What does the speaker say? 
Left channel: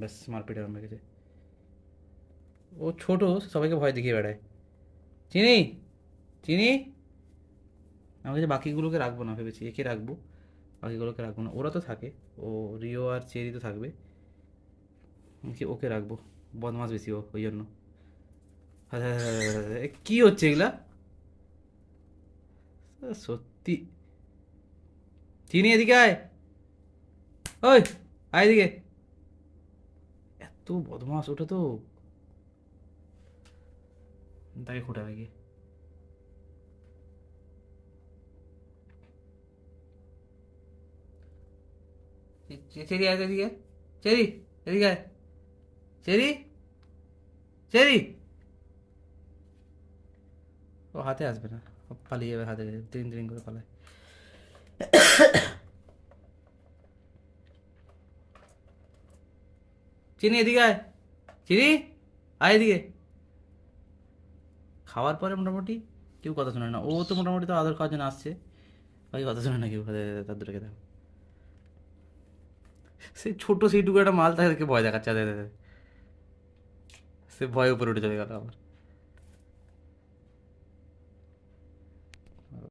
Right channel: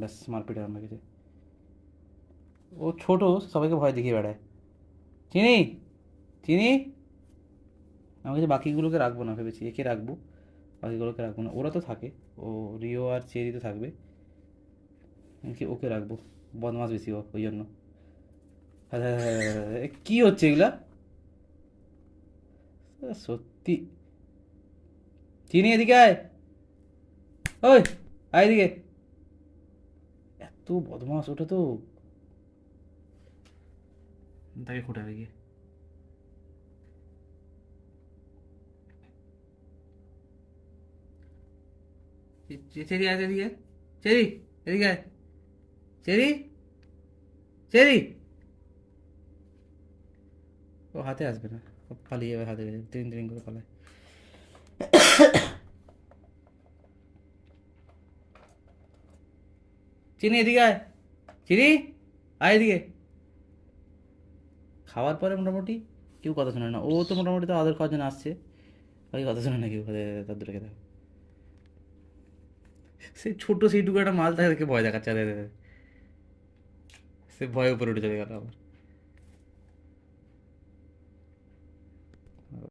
ব্যাস মারপিট আরম্ভ হয়ে গেছে। ও ছোট, সবাইকে ভয় দেখিয়ে বেড়ায়। চিনি, চিনি। আমি বলছি বাকিগুলোকে রাখবো না, ভেবেছি একে রাখবো, বাকিগুলোকে রাখবো না। ওরা তো থাকে, ও রিও আর চেরি তো থাকবে, ওকে রাখবো। বদমাস বেশি ও, ওই জন্য। হ্যাঁ, হ্যাঁ, হ্যাঁ, হ্যাঁ, হ্যাঁ, কি হচ্ছে এগুলা? সত্যি। চিনি এদিকে আয়। ওই, আয় এদিকে। এত বদমাস ওটা তো, তাকে খুঁটাবে গিয়ে। চেরি আয় এদিকে আয়। চেরি, এদিকে আয়। Cherry, cherry. ও হাতে আসবে না, ও পালিয়ে যাবে, হাতে তিন তিন করে পালায়। চিনি এদিকে আয়। চিনি, আয় এদিকে। খাওয়ার পরে মোটামুটি কেউ কথা শোনে না, ও তো মোটামুটি তো আদর খাওয়ার জন্য আসছে, বাকি কথা শোনে না কেউ, তার দূরে খেতে। সেই ছোট সেইটুকু একটা মাল তাকে দেখে ভয় দেখাচ্ছে, সে ভয়ে উপরে উঠে চলে গেল আবার।